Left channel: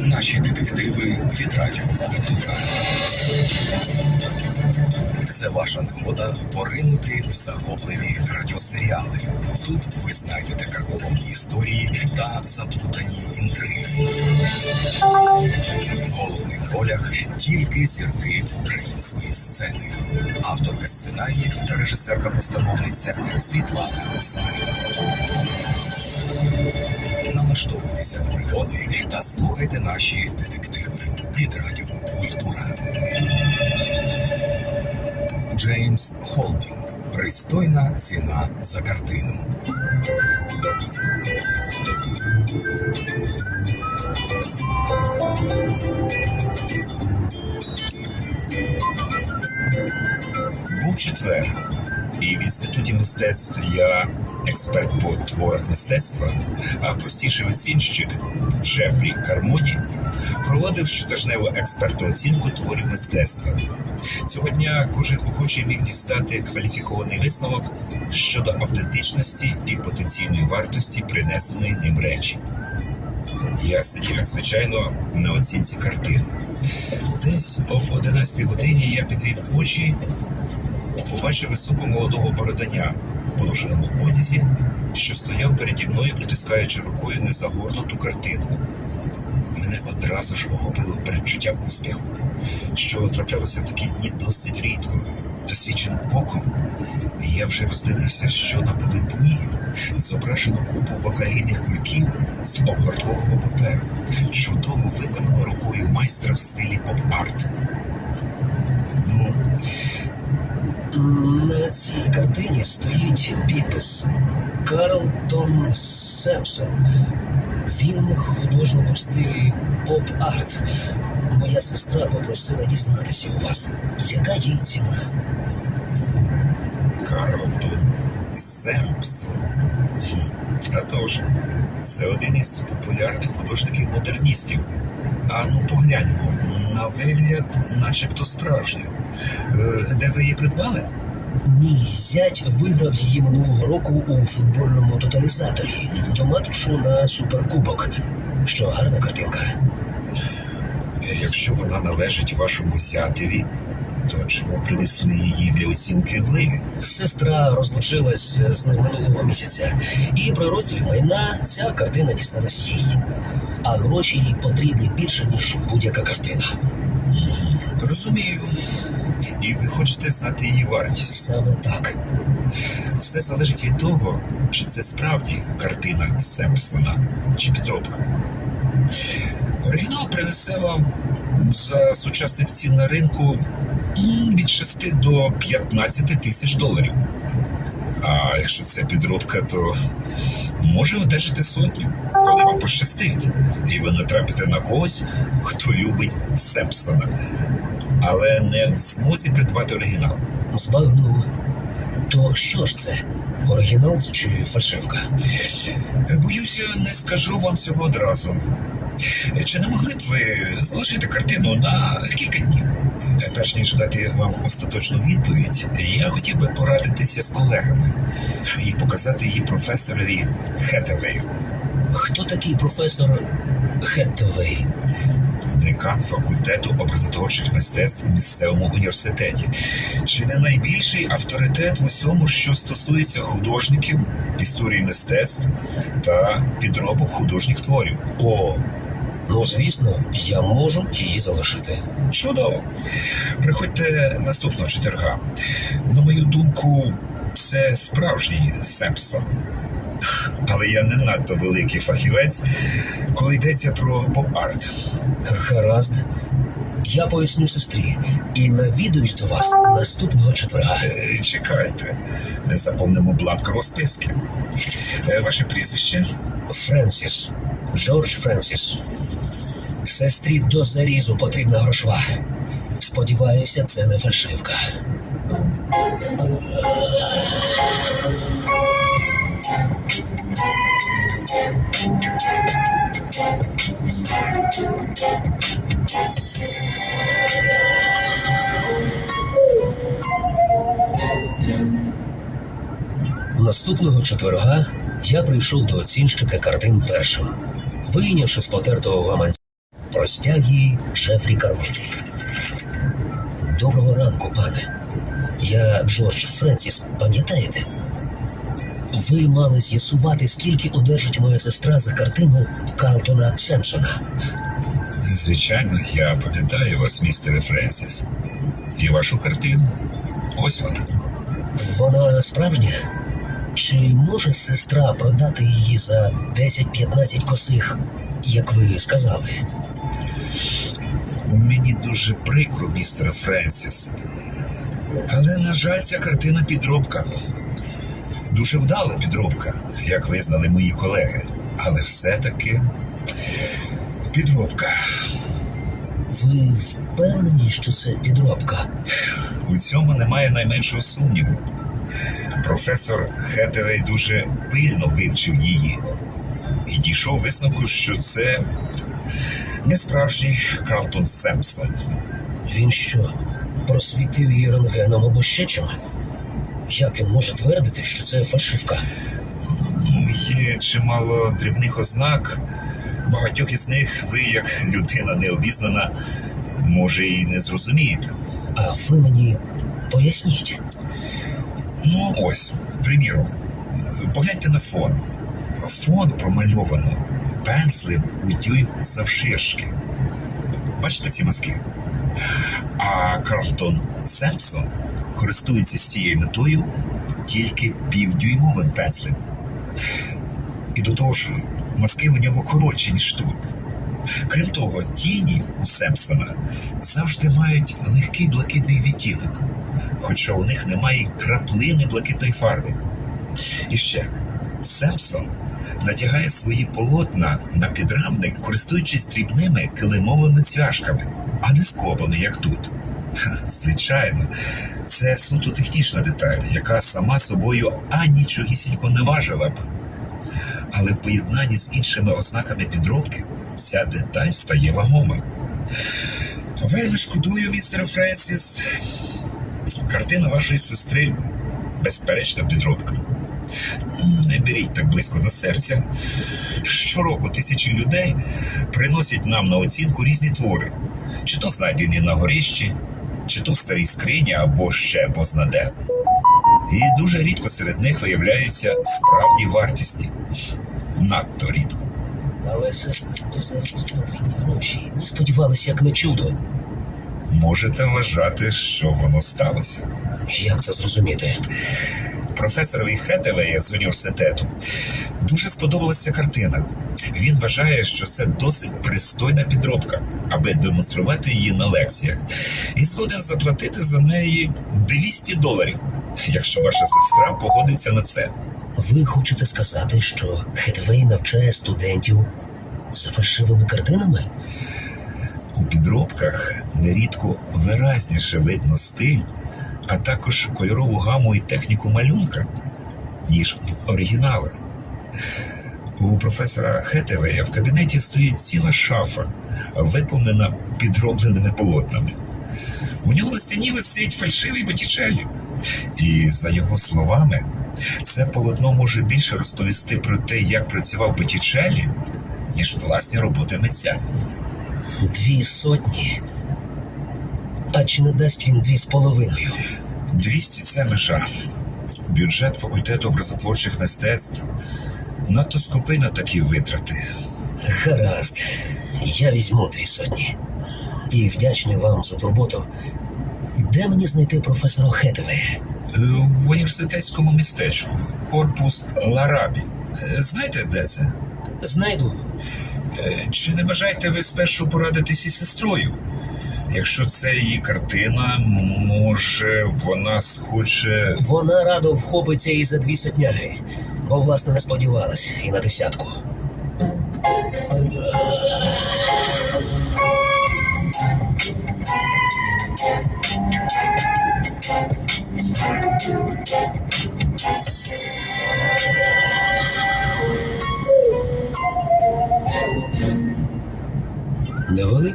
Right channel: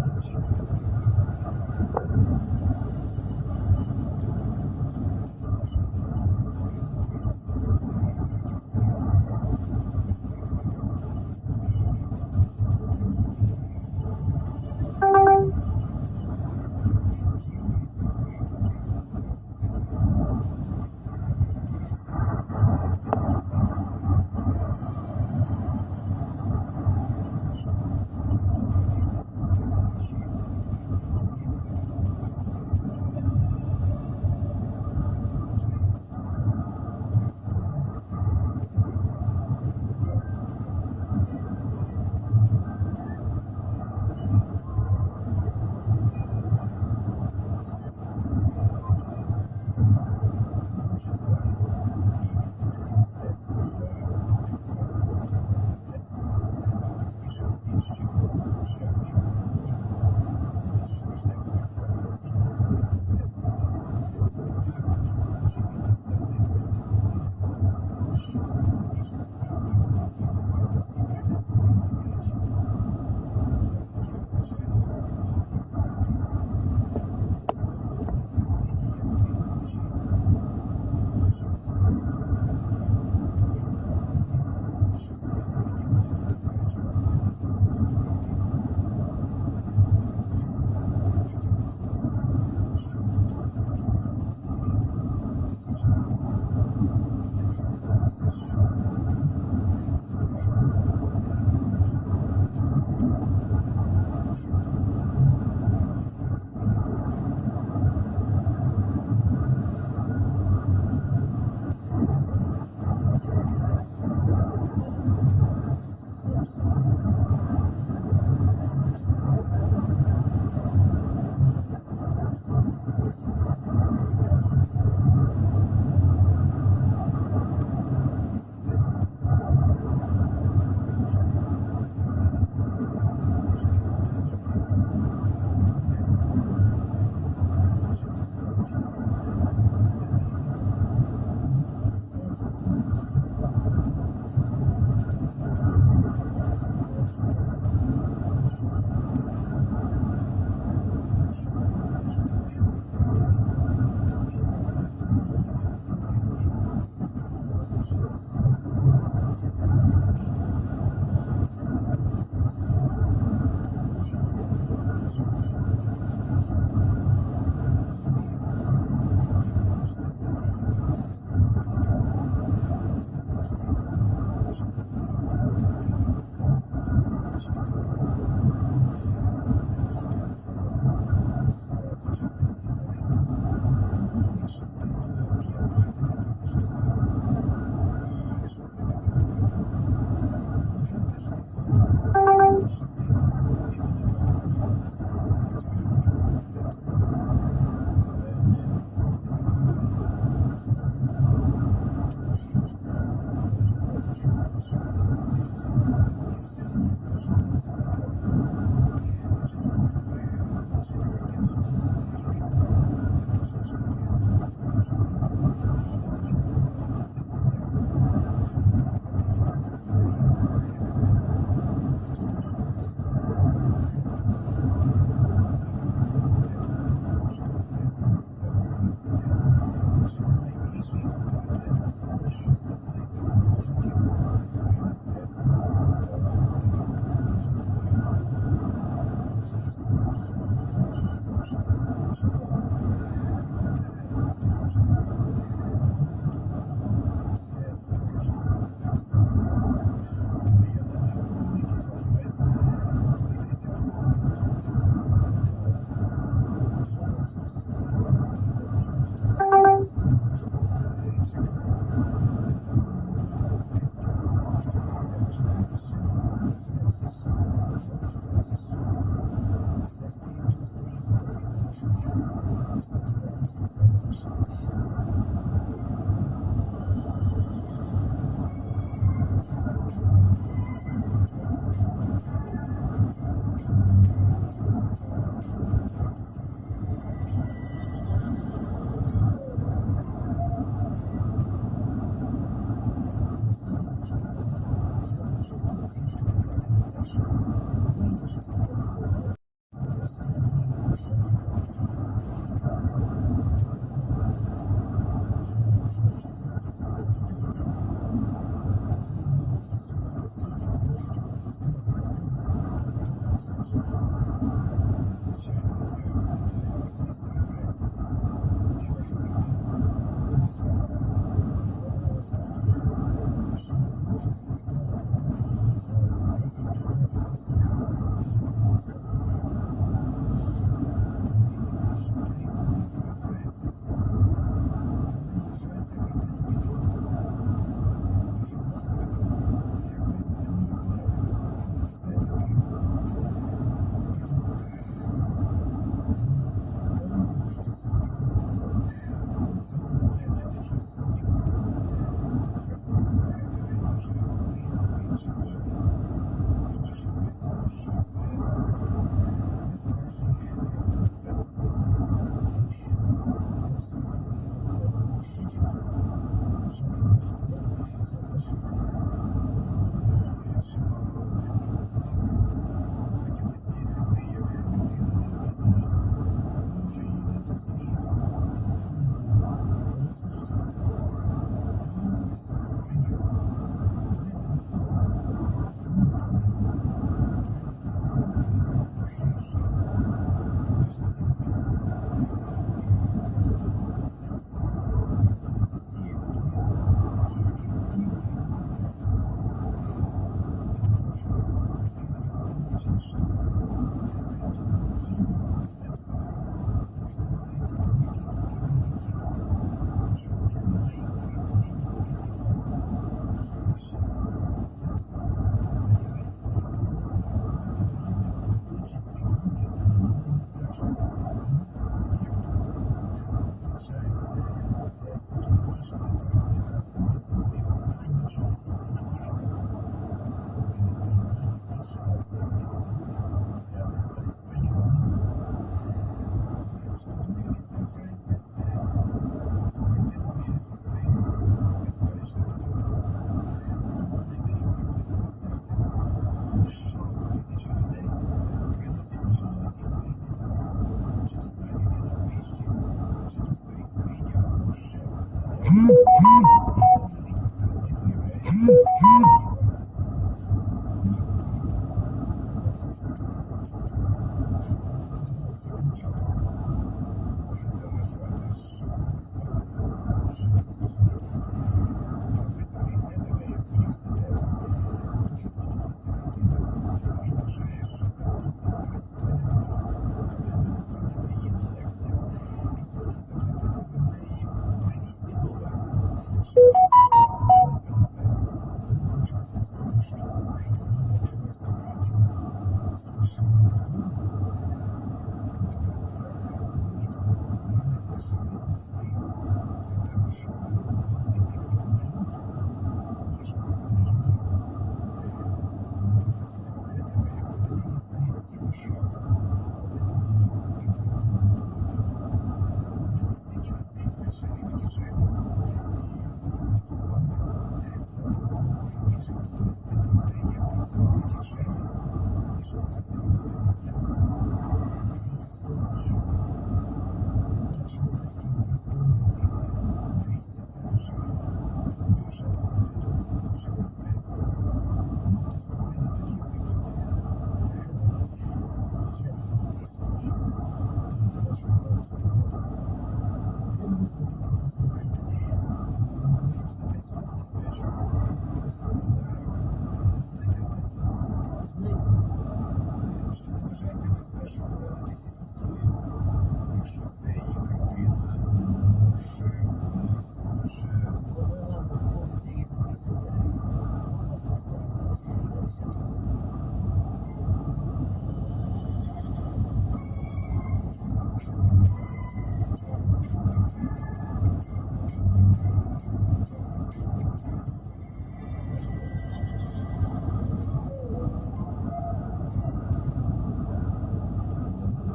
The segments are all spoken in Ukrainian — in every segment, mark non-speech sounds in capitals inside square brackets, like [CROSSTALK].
Наші детективи від Радіо Культура. Це ваша нагода поринути в захопливі радіосеріали. Тут ви знайдете карбовані історії та заплутані інтриги. В головних ролях тільки зірки української сцени. Авторка сценаріїв та режисерка-постановниця Світлана Смирко. Налаштовуйтеся на пригоди та слухайте наші детективи від Радіо Культура. Джеймс Холдінг. Пристойна ціна за картину. Був четвер, і в інституті мистецтв я експерт по творах мистецтва, а простіший оцінщик Джефрі Кармоді проводив щотижневу експертну оцінку творів мистецтва. Цього дня кожен охочий міг дістати кваліфікований висновок щодо автентичності і потенційної вартості принесеної ним речі. Я сидів, як звичайно, на оцінці картин. Десь об 11 годині я підвів очі побачив високого молодого бороданя в поношеному одязі, що стояв переді мною, притискаючи рукою незагорнуту картину. Мене одразу ж охопило передчуттям успіху, що траплялося в такі дні досить рідко. Досвідченим оком я вже роздивився, що на полотні зображено купу бакалійних кульків з обгорткового паперу, чудово виконано рукою майстра в стилі поп-арт. На цій картині стоїть підпис Карлтон Семпсон. Він художник у стилі поп-арт. Моя сестра попросила дізнатися у вас, яка їй ціна. Карлтон Семпсон. А тож, це один із популярних художників-модерністів. А ну погляньмо, на вигляд, начебто справжню. Е, Де ви її придбали? Мій зять виграв її минулого року у футбольному тоталізаторі до матчу на суперкубок. Що гарна картинка. Якщо вона належить вашому зятеві, то чому принесли її для оцінки ви? Сестра розлучилась з ним минулого місяця, і при розділі майна ця картина дісталась їй. А гроші їй потрібні більше, ніж будь-яка картина. Розумію. І ви хочете знати її вартість. Саме так. Все залежить від того, чи це справді картина Семпсона чи підробка. Оригінал принесе вам за сучасних цін на ринку від 6 до 15 тисяч доларів. А якщо це підробка, то може одержати сотню, коли вам пощастить, і ви натрапите на когось, хто любить Семпсона, але не в змозі придбати оригінал. Збагнув. То що ж це? Оригінал чи фальшивка? Боюся, не скажу вам цього одразу. Чи не могли б ви зложити картину на кілька днів? Перш ніж дати вам остаточну відповідь, я хотів би порадитися з колегами і показати її професорові Хетевею, Хто такий професор Хеттевей? Декан факультету образотворчих мистецтв в місцевому університеті. Чи не найбільший авторитет в усьому, що стосується художників, історії мистецтв та підробок художніх творів? О, ну звісно, я можу її залишити. Чудово. Приходьте наступного четверга. На мою думку, це справжній Семпсон. Але я не надто великий фахівець, коли йдеться про поп-арт. Гаразд. Я поясню сестрі і навідуюсь до вас наступного четверга. Е, Чекайте, не заповнимо бланк розписки. Е, Ваше прізвище? Френсіс. Джордж Френсіс. Сестрі до зарізу потрібна грошва. Сподіваюся, це не фальшивка. Наступного четверга я прийшов до оцінщика картин першим. Вийнявши з потертого гаманця Простягі Джефрі Кармоді. Доброго ранку, пане. Я Джордж Френсіс, пам'ятаєте? Ви мали з'ясувати, скільки одержить моя сестра за картину Карлтона Семпсона. Звичайно, я пам'ятаю вас, містере Френсіс. І вашу картину. Ось вона. Вона справжня? Чи може сестра продати її за 10-15 косих, як ви сказали? Мені дуже прикро, містере Френсіс. Але, на жаль, ця картина підробка. Дуже вдала підробка, як визнали мої колеги. Але все-таки підробка. Ви впевнені, що це підробка? У цьому немає найменшого сумніву. Професор Хетевей дуже пильно вивчив її і дійшов висновку, що це не справжній Карлтон Семпсон. Він що, просвітив її рентгеном або ще чим? Як він може твердити, що це фальшивка? Є чимало дрібних ознак. Багатьох із них ви, як людина необізнана, може і не зрозумієте. А ви мені поясніть. Ну, ось, приміром, погляньте на фон. Фон промальовано пензлем у дюйм завширшки. Бачите ці мазки? А Карлтон Семпсон користується з цією метою тільки півдюймовим пензлем. І до того ж, мазки у нього коротші, ніж тут. Крім того, тіні у Семпсона завжди мають легкий блакитний відтінок, хоча у них немає краплини блакитної фарби. І ще Семпсон надягає свої полотна на підрамник, користуючись дрібними килимовими цвяшками, а не скобами, як тут. Звичайно, це суто технічна деталь, яка сама собою анічогісінько не важила б. Але в поєднанні з іншими ознаками підробки ця деталь стає вагома. Вельми шкодую, містер Френсіс. Картина вашої сестри безперечна підробка. Не беріть так близько до серця. Щороку тисячі людей приносять нам на оцінку різні твори, чи то знайдені на горищі, чи то в старій скрині, або ще познаде. І дуже рідко серед них виявляються справді вартісні. Надто рідко. Але сестрі до сервісу потрібні гроші. Ми сподівалися, як на чудо. Можете вважати, що воно сталося. Як це зрозуміти? Професорові Хетевея з університету дуже сподобалася картина. Він вважає, що це досить пристойна підробка, аби демонструвати її на лекціях, і згоден заплатити за неї 200 доларів, якщо ваша сестра погодиться на це. Ви хочете сказати, що Хетвей навчає студентів за фальшивими картинами? У підробках нерідко виразніше видно стиль, а також кольорову гаму і техніку малюнка, ніж в оригіналах. У професора Хетевея в кабінеті стоїть ціла шафа, виповнена підробленими полотнами. У нього на стіні висить фальшивий Боттічеллі. І за його словами, це полотно може більше розповісти про те, як працював Боттічеллі, ніж власні роботи митця. Дві сотні. А чи не дасть він дві з половиною? 200 – це межа. Бюджет факультету образотворчих мистецтв надто скупий на такі витрати. Гаразд, я візьму дві сотні. І вдячний вам за турботу. Де мені знайти професора Хетвея? Е, В університетському містечку корпус Ларабі. Е, Знаєте, де це? Знайду. Е, Чи не бажаєте ви спершу порадитись із сестрою? Якщо це її картина, може вона схоче. Вона радо вхопиться і за дві сотняги, бо власне не сподівалась і на десятку.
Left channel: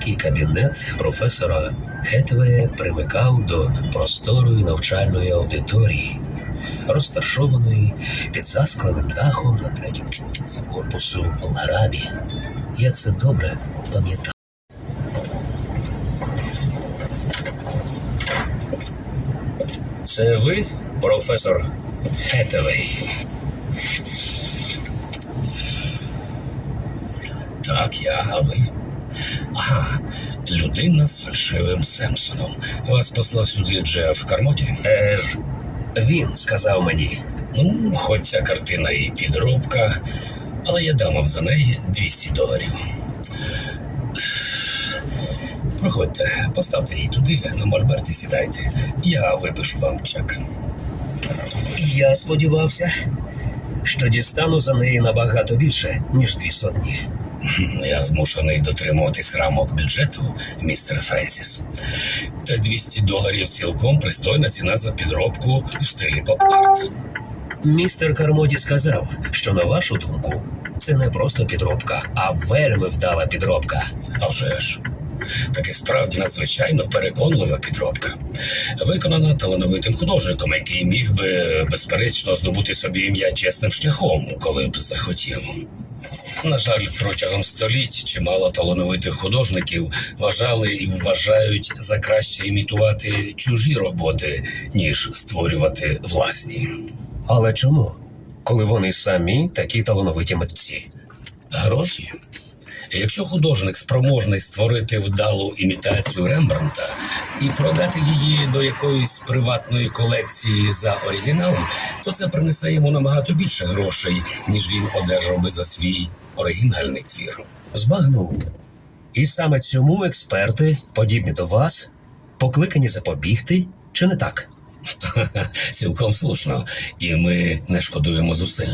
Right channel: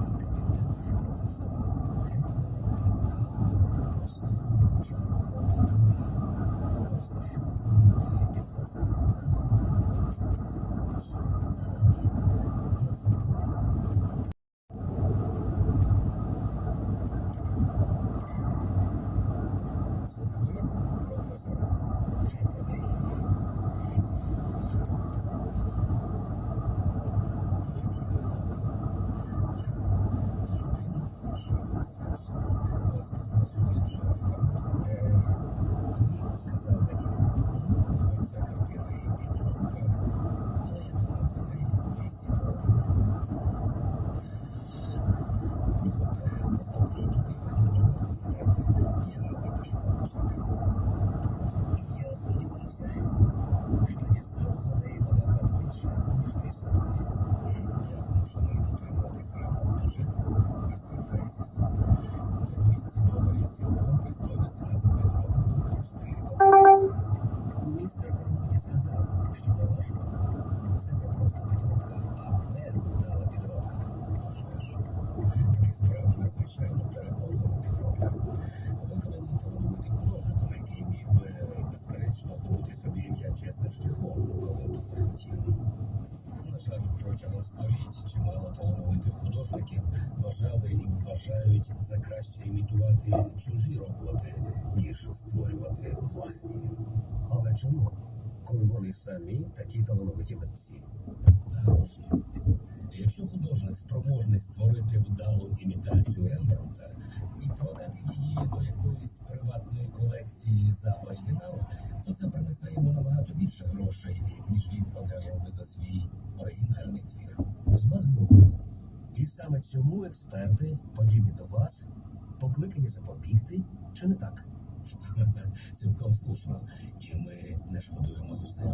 великий кабінет професора Хетвея примикав до просторої навчальної аудиторії, розташованої під заскленим дахом на третьому поверсі корпусу Ларабі. Я це добре пам'ятаю. Це ви, професор Хетевей? Так, я, а ви? Ага, людина з фальшивим Семпсоном. Вас послав сюди Джеф Кармоті? Е ж, він сказав мені. Ну, хоч ця картина і підробка, але я дам вам за неї 200 доларів. Проходьте, поставте її туди, на мольберті сідайте. Я випишу вам чек. Я сподівався, що дістану за неї набагато більше, ніж дві сотні. Хм, Я змушений дотримуватись рамок бюджету, містер Френсіс. Та 200 доларів цілком пристойна ціна за підробку в стилі поп-арт. Містер Кармоді сказав, що на вашу думку, це не просто підробка, а вельми вдала підробка. А вже ж. Таки справді надзвичайно переконлива підробка, виконана талановитим художником, який міг би безперечно здобути собі ім'я чесним шляхом, коли б захотів. На жаль, протягом століть чимало талановитих художників вважали і вважають за краще імітувати чужі роботи, ніж створювати власні. Але чому? Коли вони самі такі талановиті митці. Гроші. Якщо художник спроможний створити вдалу імітацію Рембранта і продати її до якоїсь приватної колекції за оригінал, то це принесе йому набагато більше грошей, ніж він одержав би за свій оригінальний твір. Збагнув. І саме цьому експерти, подібні до вас, покликані запобігти, чи не так? [LAUGHS] Цілком слушно, і ми не шкодуємо зусиль.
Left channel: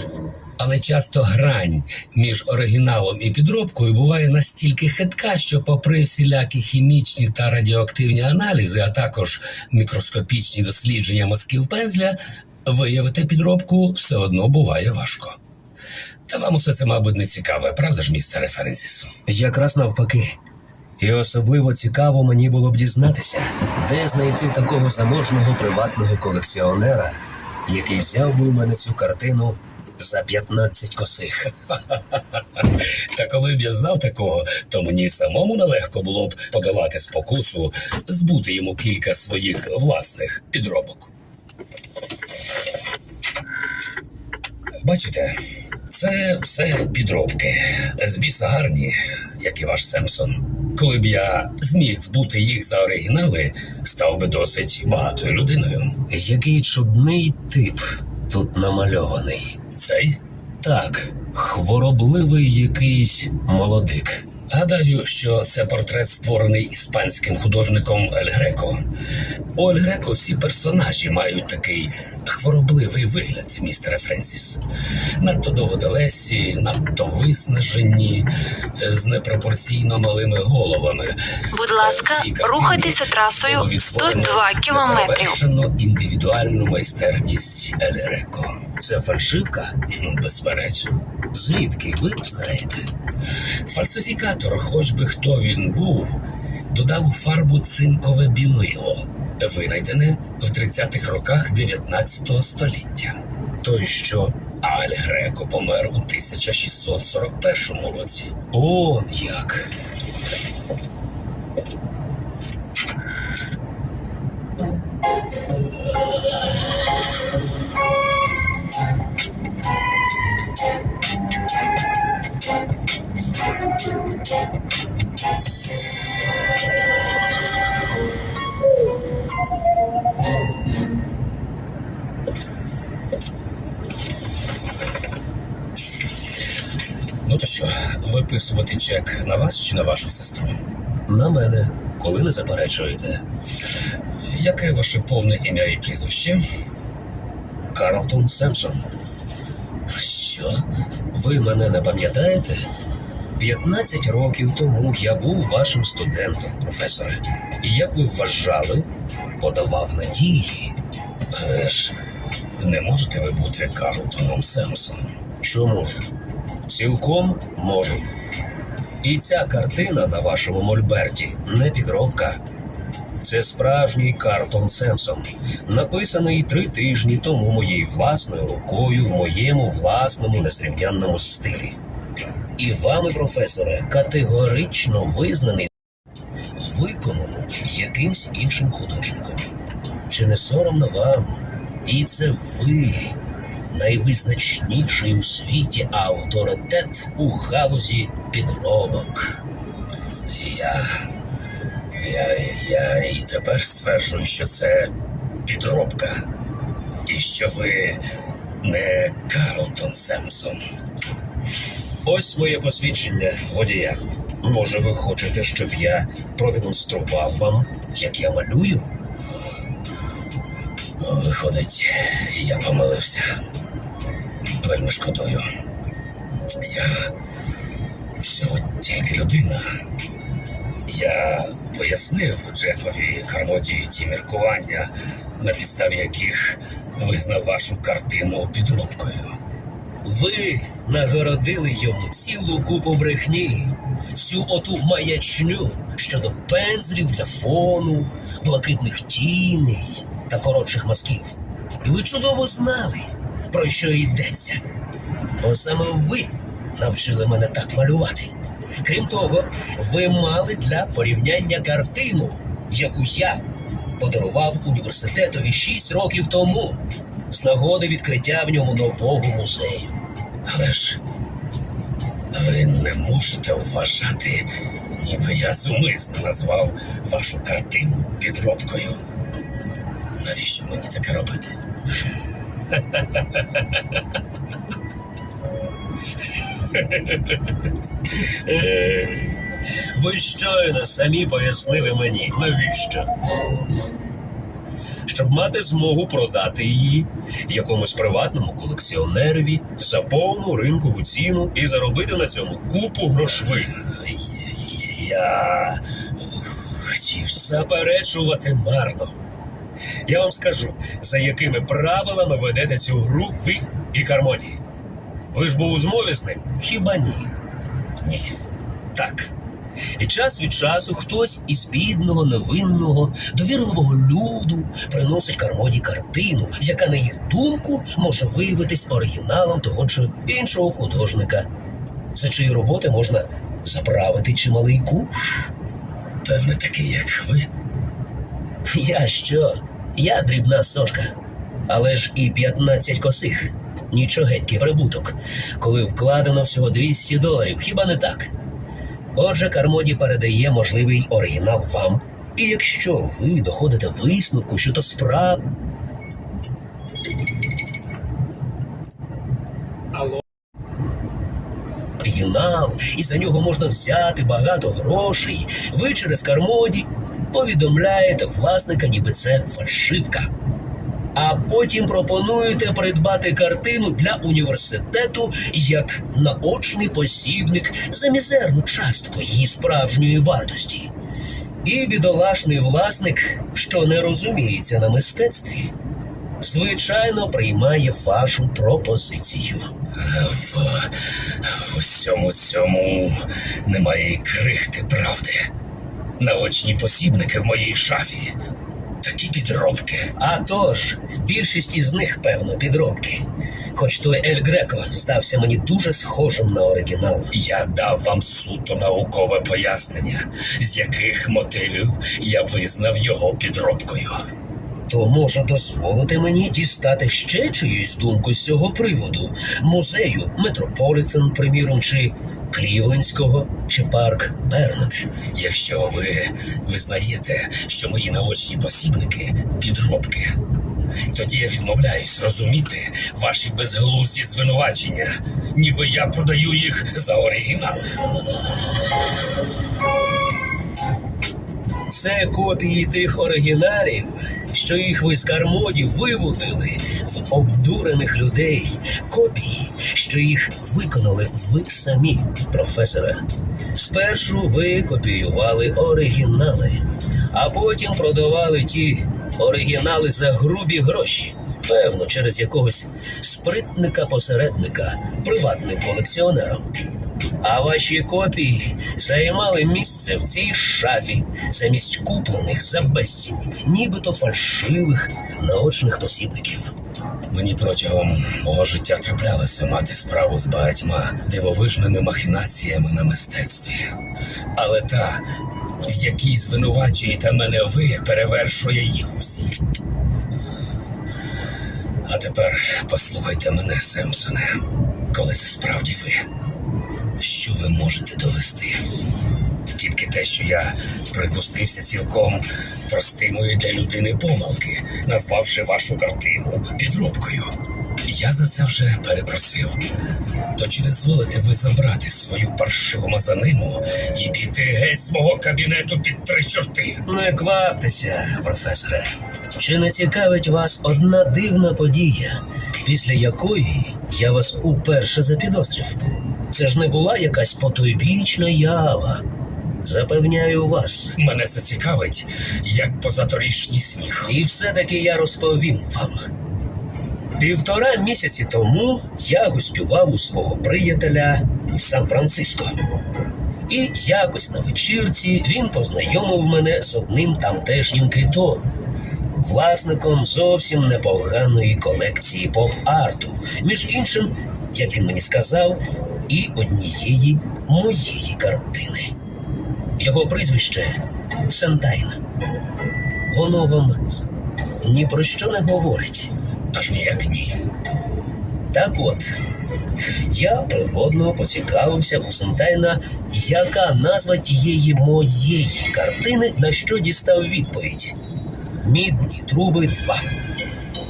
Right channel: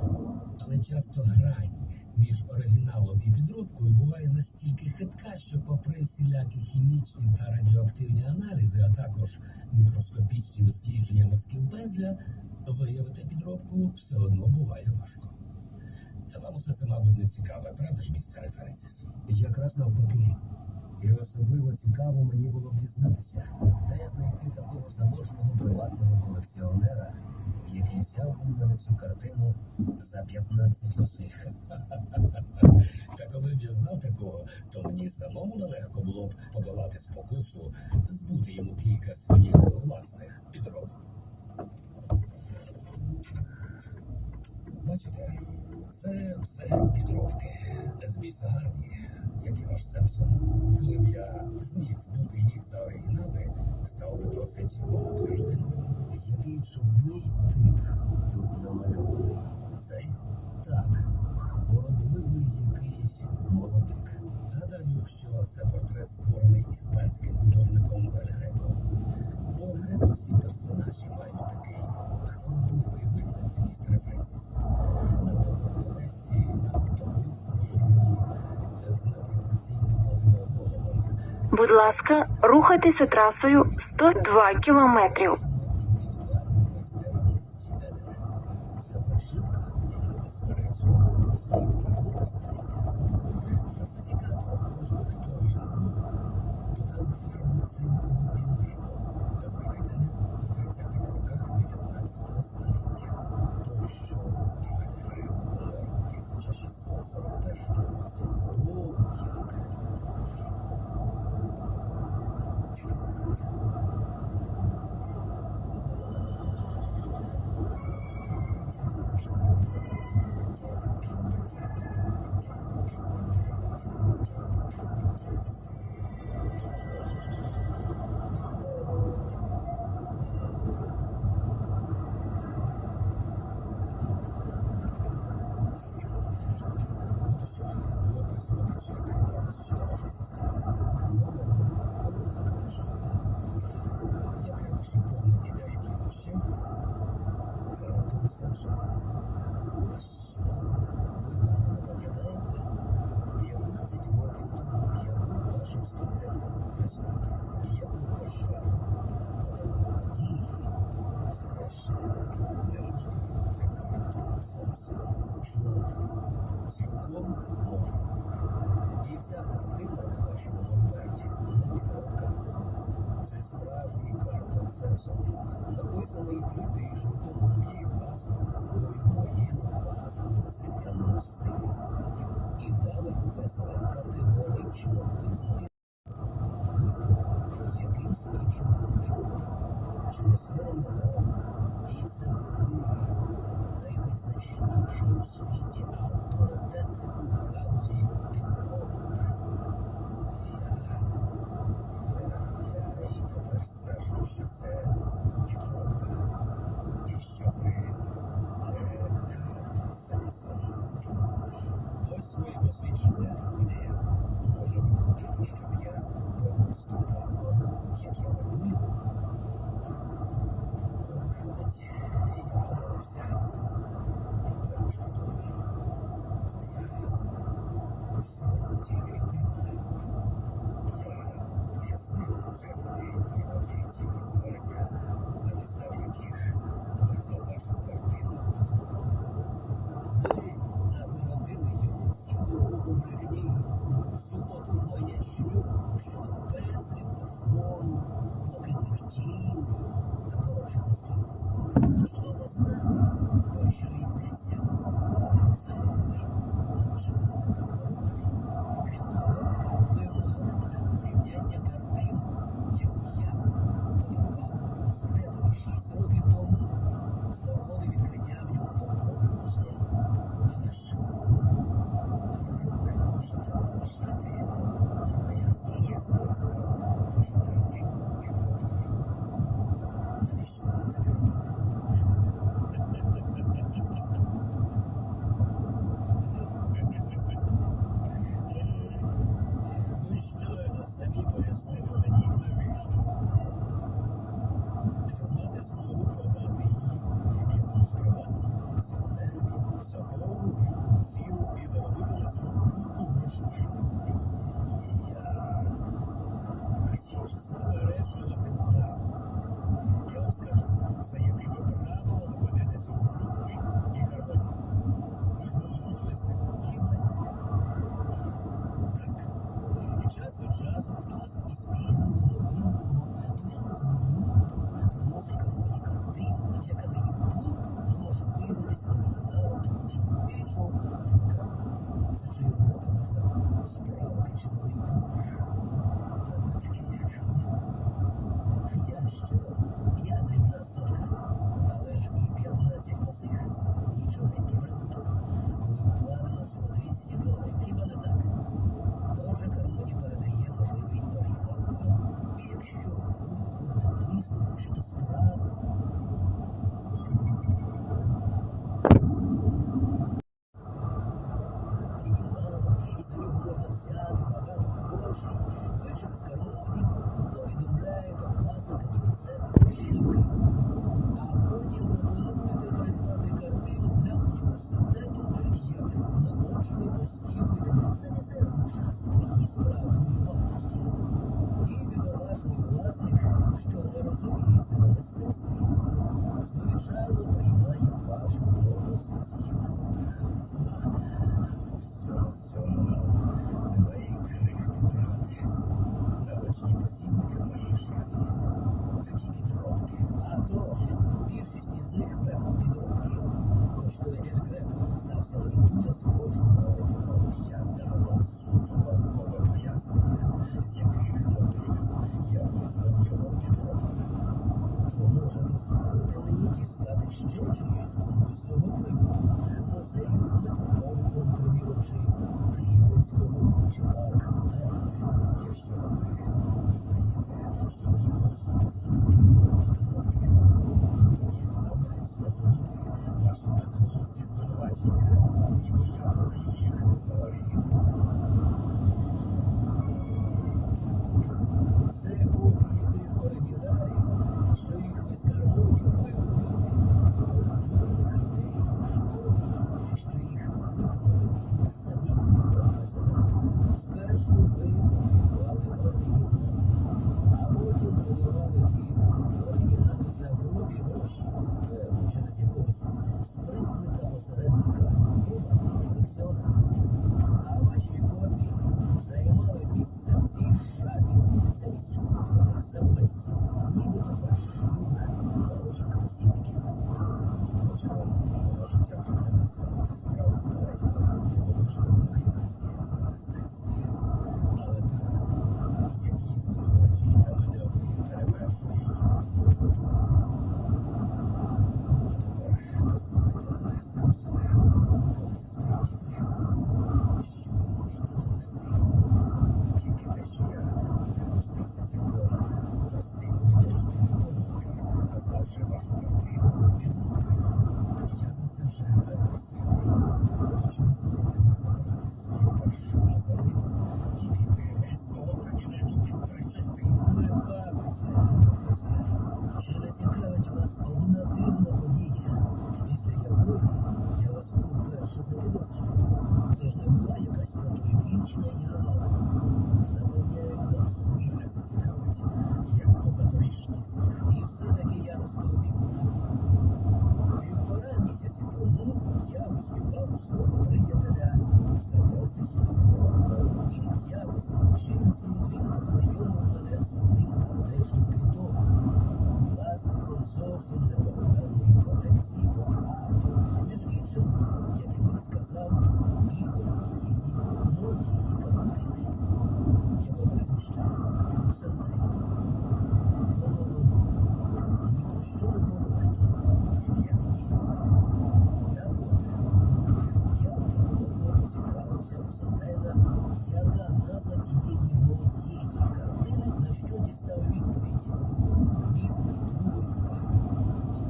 Але часто грань між оригіналом і підробкою буває настільки хитка, що, попри всілякі хімічні та радіоактивні аналізи, а також мікроскопічні дослідження мазків пензля, виявити підробку все одно буває важко. Та вам усе це, мабуть, не цікаве, правда ж, містере Ференсіс? Якраз навпаки. І особливо цікаво мені було б дізнатися, де знайти такого заможного приватного колекціонера, який взяв би у мене цю картину за 15 косих. [LAUGHS] Та коли б я знав такого, то мені самому нелегко було б подолати спокусу, збути йому кілька своїх власних підробок. Бачите, це все підробки. З біса гарні, як і ваш Семсон. Коли б я зміг збути їх за оригінали, став би досить багатою людиною. Який чудний тип тут намальований. Цей Так, хворобливий якийсь молодик. Гадаю, що це портрет створений іспанським художником Ель Греко. У Ель Греко всі персонажі мають такий хворобливий вигляд, містере Френсіс. Надто довгоделесі, надто виснажені, е, з непропорційно малими головами. Будь ласка, В рухайтеся трасою було відтворено 102 кілометрів. неперевершену індивідуальну майстерність Ель Греко. Це фальшивка? Безперечно. Звідки ви знаєте? Фальсифікатор, хоч би хто він був, додав у фарбу цинкове білило, винайдене в 30-х роках 19 століття. Той що? Аль Греко помер у 1641 році. Он як. Виписувати чек на вас чи на вашу сестру? На мене, коли не заперечуєте. Яке ваше повне ім'я і прізвище? Карлтон Семсон. Що? Ви мене не пам'ятаєте? 15 років тому я був вашим студентом, професоре. І як ви вважали, подавав надії. Але ж не можете ви бути Карлтоном Семсоном. Чому? Цілком можу. І ця картина на вашому мольберті не підробка. Це справжній Картон Семсон, написаний три тижні тому моєю власною рукою в моєму власному незрівнянному стилі. І вами, професоре, категорично визнаний виконано якимсь іншим художником. Чи не соромно вам? І це ви, найвизначніший у світі авторитет у галузі підробок. Я. Я, я і тепер стверджую, що це підробка. І що ви не Карлтон Семсон. Ось моє посвідчення водія. Може, ви хочете, щоб я продемонстрував вам, як я малюю? Виходить, я помилився. Вельми шкодую. Я всього тільки людина. Я пояснив Джефові Кармоді ті міркування, на підставі яких визнав вашу картину підробкою. Ви нагородили йому цілу купу брехні, всю оту маячню щодо пензлів для фону, блакитних тіней та коротших мазків. І ви чудово знали, про що йдеться. Бо саме ви навчили мене так малювати. Крім того, ви мали для порівняння картину, яку я подарував університетові шість років тому з нагоди відкриття в ньому нового музею. Але ж ви не можете вважати, ніби я зумисно назвав вашу картину підробкою. Навіщо мені таке робити? Ви щойно самі пояснили мені, навіщо? Щоб мати змогу продати її якомусь приватному колекціонерові за повну ринкову ціну і заробити на цьому купу грошви. Я хотів Заперечувати марно. Я вам скажу, за якими правилами ведете цю гру ви і Кармоді. Ви ж був у змові з ним? Хіба ні? ні. Так. І час від часу хтось із бідного, невинного, довірливого люду приносить Кармоді картину, яка, на їх думку, може виявитись оригіналом того чи іншого художника, за чиї роботи можна заправити чималий куш. Певне, такий, як ви. Я що? Я дрібна сошка. Але ж і 15 косих. Нічогенький прибуток, коли вкладено всього 200 доларів, хіба не так? Отже, Кармоді передає можливий оригінал вам. І якщо ви доходите висновку, що то справ... оригінал, і за нього можна взяти багато грошей, ви через Кармоді повідомляєте власника, ніби це фальшивка. А потім пропонуєте придбати картину для університету як наочний посібник за мізерну частку її справжньої вартості. І бідолашний власник, що не розуміється на мистецтві, звичайно приймає вашу пропозицію. В, в усьому цьому немає й крихти правди. Наочні посібники в моїй шафі. Такі підробки. А тож, більшість із них, певно, підробки. Хоч той Ель Греко здався мені дуже схожим на оригінал. Я дав вам суто наукове пояснення, з яких мотивів я визнав його підробкою. То може дозволити мені дістати ще чиюсь думку з цього приводу музею Метрополітен, приміром, чи Клівлендського, чи парк Бернет. Якщо ви визнаєте, що мої наочні посібники підробки, тоді я відмовляюсь розуміти ваші безглузді звинувачення, ніби я продаю їх за оригінали. Це копії тих оригіналів, що їх ви з Кармоді виводили в обдурених людей. Копії, що їх виконали ви самі, професоре. Спершу ви копіювали оригінали, а потім продавали ті оригінали за грубі гроші. Певно, через якогось спритника-посередника, приватним колекціонером. А ваші копії займали місце в цій шафі замість куплених за безцінь, нібито фальшивих наочних посібників. Мені протягом мого життя траплялося мати справу з багатьма дивовижними махінаціями на мистецтві. Але та, в якій звинувачуєте мене ви, перевершує їх усі. А тепер послухайте мене, Семсоне, коли це справді ви. Що ви можете довести? Тільки те, що я припустився цілком простимої для людини помилки, назвавши вашу картину підробкою. Я за це вже перепросив. То чи не зволите ви забрати свою паршиву мазанину і піти геть з мого кабінету під три чорти? Не кваптеся, професоре. Чи не цікавить вас одна дивна подія, після якої я вас уперше запідозрив? Це ж не була якась потойбічна ява. Запевняю вас. Мене це цікавить, як позаторічній сніг. І все-таки я розповім вам. Півтора місяці тому я гостював у свого приятеля в Сан-Франциско. І якось на вечірці він познайомив мене з одним тамтешнім китом, власником зовсім непоганої колекції поп-арту, між іншим, як він мені сказав, і однієї моєї картини. Його прізвище Сентайн. Воно вам ні про що не говорить. Аж ніяк ні. Так от, я природно поцікавився у Сентайна, яка назва тієї моєї картини, на що дістав відповідь: Мідні труби 2.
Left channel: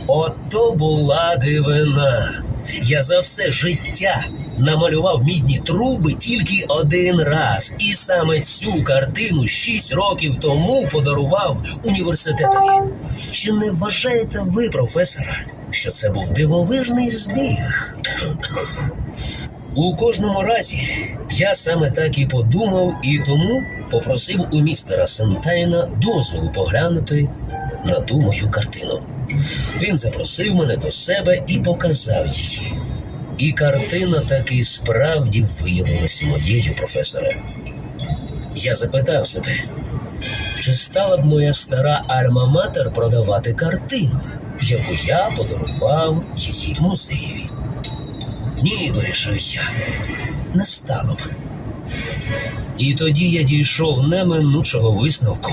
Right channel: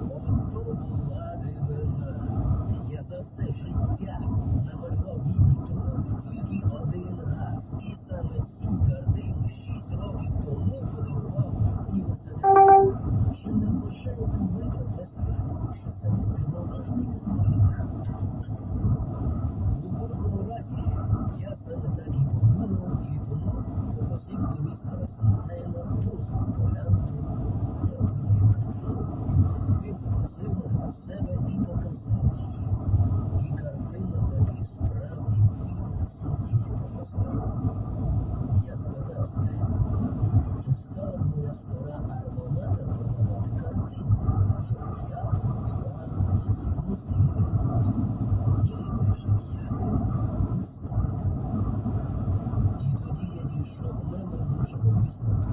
Ото була дивина. Я за все життя намалював мідні труби тільки один раз, і саме цю картину шість років тому подарував університетові. Чи не вважаєте ви, професора, що це був дивовижний збіг? У кожному разі я саме так і подумав, і тому попросив у містера Сентайна дозволу поглянути на ту мою картину. Він запросив мене до себе і показав її. І картина таки справді виявилася моєю професоре. Я запитав себе, чи стала б моя стара альма-матер продавати картину, яку я подарував її музеєві? Ні, вирішив я, не стало б. І тоді я дійшов неминучого висновку.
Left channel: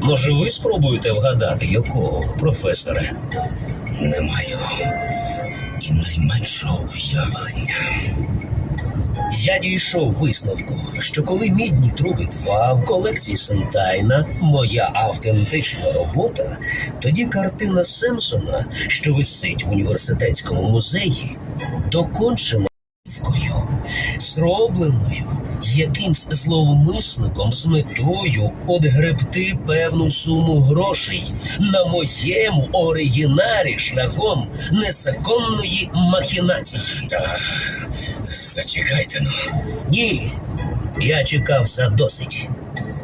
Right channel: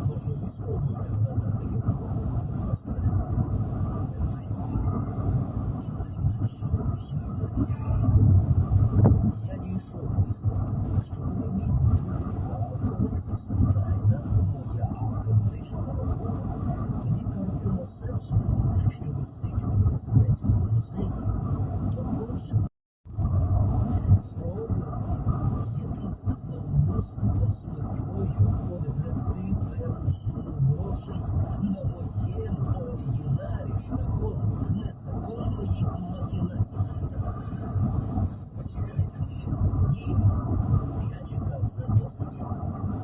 Може, ви спробуєте вгадати, якого, професоре? Не маю і найменшого уявлення. Я дійшов висновку, що коли мідні труби 2 в колекції Сентайна моя автентична робота, тоді картина Семсона, що висить в університетському музеї, докончена зробленою якимсь зловмисником з метою одгребти певну суму грошей на моєму оригіналі шляхом незаконної махінації. Та зачекайте ну. Ні, я чекав задосить.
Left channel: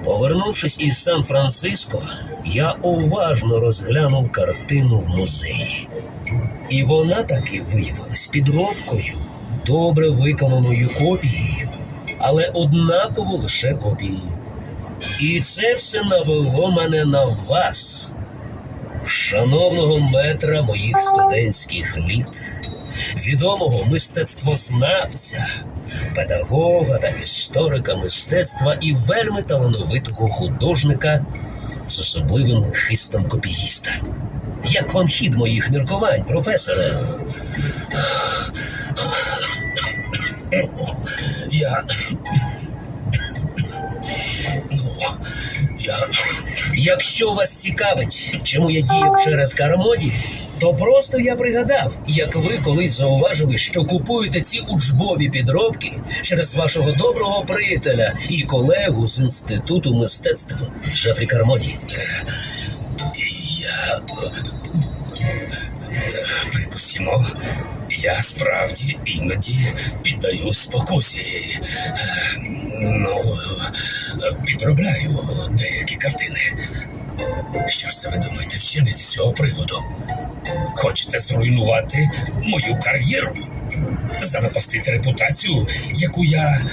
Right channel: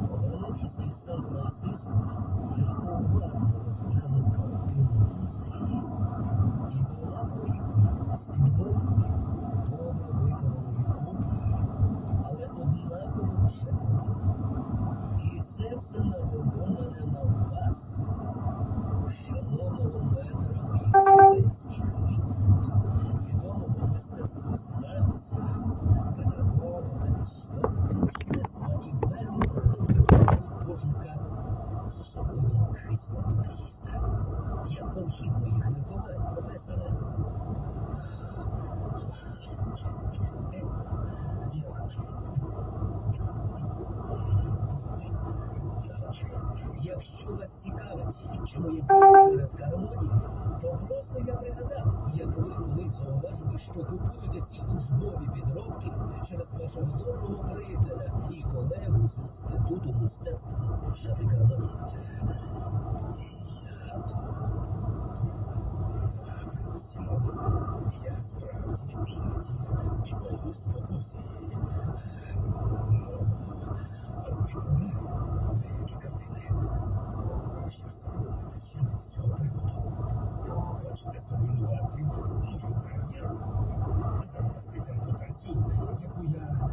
Повернувшись із Сан-Франциско, я уважно розглянув картину в музеї. І вона таки виявилась підробкою, добре виконаною копією, але однаково лише копією. І це все навело мене на вас, шановного метра моїх студентських літ, відомого мистецтвознавця, педагога та історика мистецтва і вельми талановитого художника з особливим хистом копіїста. Як вам хід моїх міркувань, професоре? Я. Ну, я. Якщо вас цікавить, чому я діяв через Кармоді, то просто я пригадав, як ви колись зауважили, що купуєте ці учбові підробки через вашого доброго приятеля і колегу з інституту мистецтв Жефрі Кармоді. Я. Припустимо, я справді іноді піддаю спокусі. Ну, підробляю деякі картини. Що ж це ви думаєте вчинити з цього приводу? Хочете зруйнувати мою кар'єру? Занапастити репутацію, яку я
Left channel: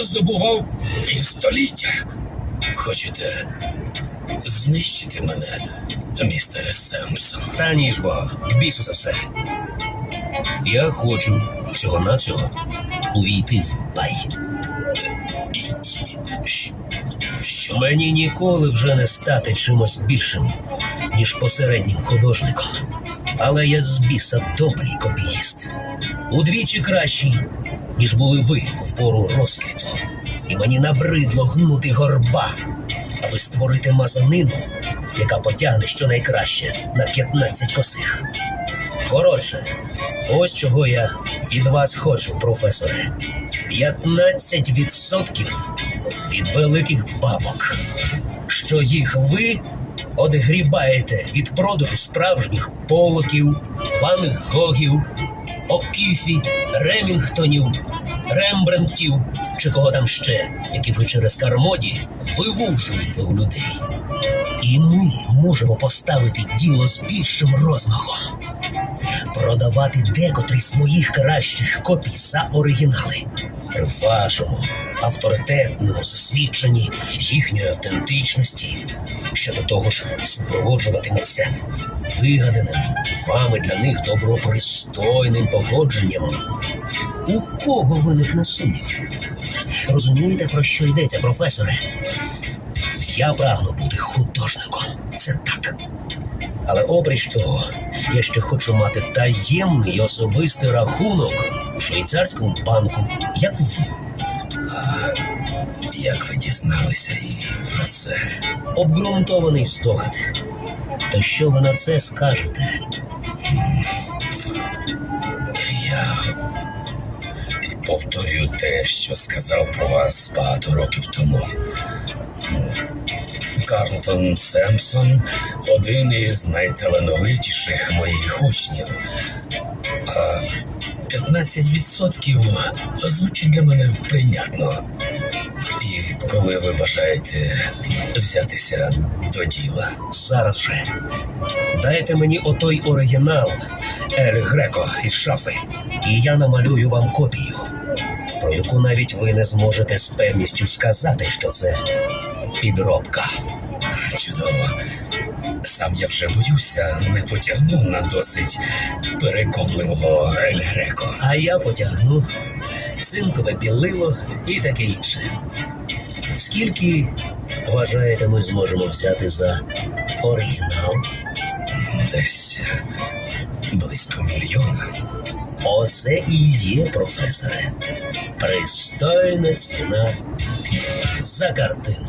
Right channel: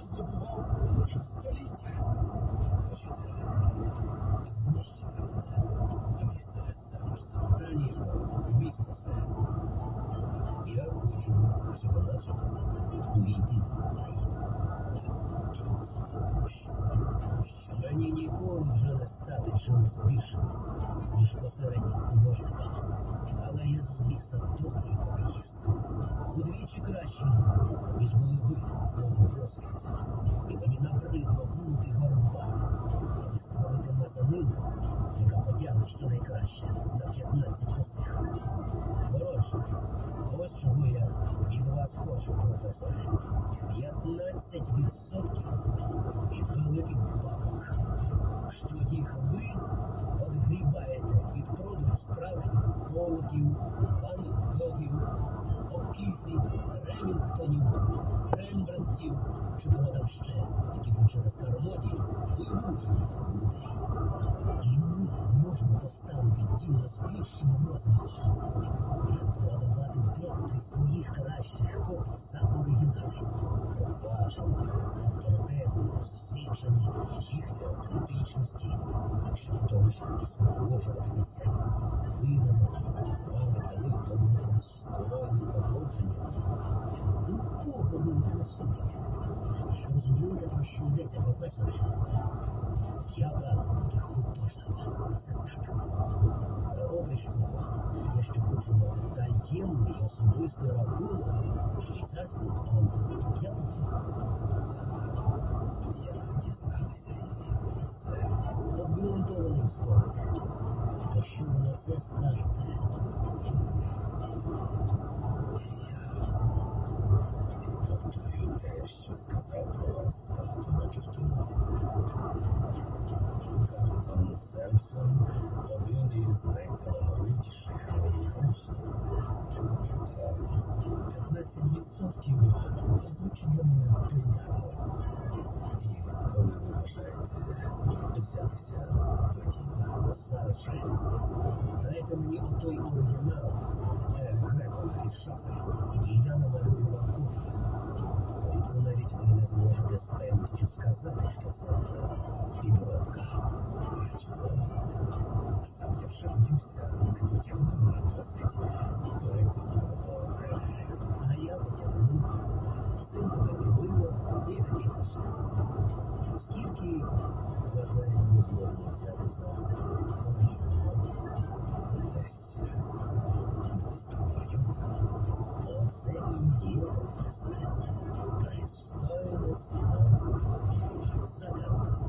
здобував півстоліття? Хочете знищити мене, містере Семпсон? Та ніж бо, бісу за все. Я хочу всього-навсього увійти в бай. Що? Мені ніколи вже не стати чимось більшим, ніж посереднім художником. Але я з біса добрий копіїст. Удвічі кращий, ніж були ви в пору розквіту. І мені набридло гнути горба, аби створити мазанину, яка потягне щонайкраще на 15 косих. Коротше, ось чого я від вас хочу, професоре. 15% від великих бабок, що їх ви одгрібаєте від продажу справжніх полоків, Ван Гогів, Окіфі, Ремінгтонів, Рембрандтів чи кого там ще, які ви через кармоді вивуджуєте у людей. І ми можемо поставити діло з більшим розмахом продавати декотрі з моїх кращих копій за оригінали. При вашому авторитетному засвідченні їхньої автентичності, що до того ж супроводжуватиметься вигаданим вами для них добропристойним погодженням. У кого виникне сумнів? Розумієте, про що йдеться, професоре? Я прагну бути художником. Це так. Але обріч того, я ще хочу мати таємний особистий рахунок у швейцарському банку, як ви. Як ви дізналися і про це? Обґрунтований здогад. То що ви на це скажете? Я повторюю те, що сказав про вас багато років тому. Карлтон Семпсон один із найталановитіших моїх учнів. А 15% звучить для мене прийнятно. І коли ви бажаєте взятися до діла. Зараз же. Дайте мені отой оригінал Ель Греко із шафи, і я намалюю вам копію, про яку навіть ви не зможете з певністю сказати, що це підробка. Чудово. Сам я вже боюся, не потягну на досить переконливого Ель Греко. А я потягну цинкове білило і таке інше. Скільки вважаєте, ми зможемо взяти за оригінал? Десь близько мільйона. Оце і є, професоре. Пристойна ціна за картину.